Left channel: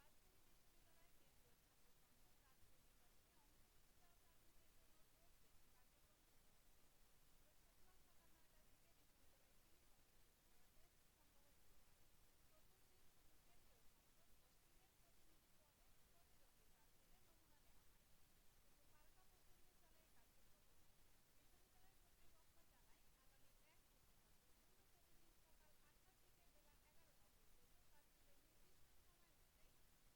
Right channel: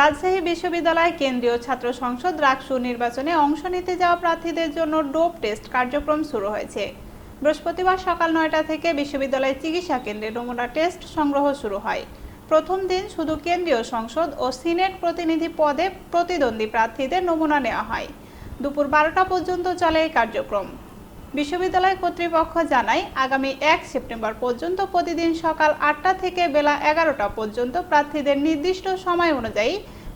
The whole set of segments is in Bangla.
রাজশাহী বিশ্ববিদ্যালয় কেন্দ্রীয় ছাত্র সংসদ রাকসু নির্বাচনে অংশ নিতে যাওয়া প্রার্থীদের জন্য ডোপ টেস্ট কার্যক্রম শুরু হয়েছে। বৃহস্পতিবার সকাল ৯টা থেকে বিশ্ববিদ্যালয়ের চিকিৎসা কেন্দ্রে নমুনা টেস্ট সংগ্রহ শুরু হয়। প্রথম দিন শুধু কেন্দ্রীয় সংসদ ও সিনেট প্রতিনিধি পদে প্রতিদ্বন্দ্বী প্রার্থীদের নমুনা নেওয়া হয়। দুপুর ১২টা পর্যন্ত চলে এই কার্যক্রম। বিশ্ববিদ্যালয় কর্তৃপক্ষ জানায়, আগামী ১ সেপ্টেম্বর পর্যন্ত প্রতিদিন সকাল ৮টা থেকে বেলা ১১টা পর্যন্ত প্রার্থীদের নির্দিষ্ট সময় অনুযায়ী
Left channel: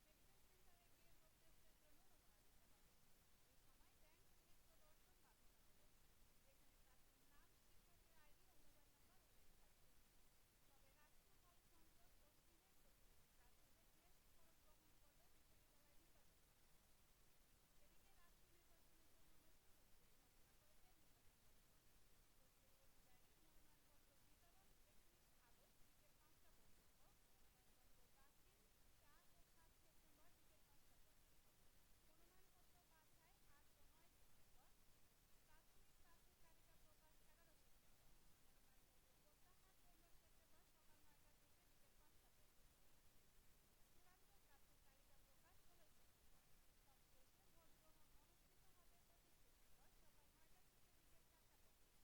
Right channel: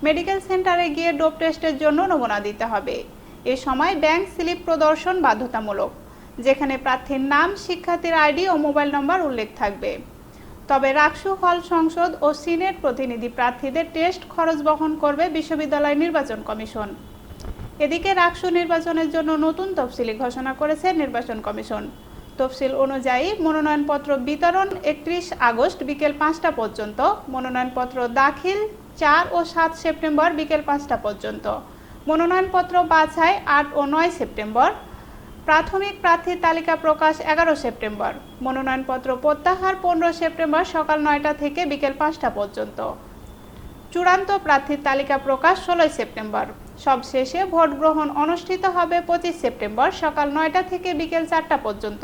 মেডিকেল সেন্টারে গিয়ে ডোপ টেস্টের জন্য নমুনা দিতে হবে। এ সময় ব্যাংক স্লিপ প্রদর্শন বাধ্যতামূলক, যেখানে প্রার্থীর নাম, শিক্ষার্থীর আইডি ও মোবাইল নম্বর উল্লেখ থাকবে। তবে রাকসু হল সংসদ ও সিনেট প্রতিনিধি প্রার্থীদের টেস্ট খরচ বহন করবে বিশ্ববিদ্যালয় নির্বাচন কমিশন। এদিকে রাকসু নির্বাচনের জন্য নতুন তফসিলি ঘোষণা করেছে নির্বাচন কমিশন। তফসিল অনুযায়ী মনোনয়নপত্র বিতরণ ৩১ আগস্ট বিকেল ৫টা পর্যন্ত, মনোনয়নপত্র দাখিল ৪ ও ৭ সেপ্টেম্বর বিকেল ৫টা পর্যন্ত, মনোনয়নপত্র বাছাই ৮ ও ৯ সেপ্টেম্বর, প্রাথমিক প্রার্থীর তালিকা প্রকাশ ১১ সেপ্টেম্বর, মনোনয়নপত্র প্রত্যাহার ১৫ সেপ্টেম্বর সকাল ৯টা থেকে বিকেল ৫টা পর্যন্ত, চূড়ান্ত প্রার্থীর তালিকা প্রকাশ ১৬ সেপ্টেম্বর। সবশেষে ভোট গ্রহণ অনুষ্ঠিত হবে ২৫ সেপ্টেম্বর সকাল ৯টা থেকে বিকেল ৪টা পর্যন্ত।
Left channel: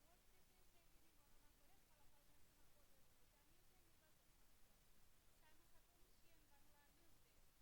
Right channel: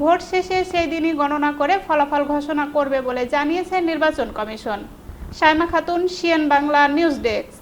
ভোট শেষে সেই দিনই গণনা করে ফলাফল ঘোষণা করবে বলে জানিয়েছে নির্বাচন commission. Saima Khatun, CN Bangla news desk.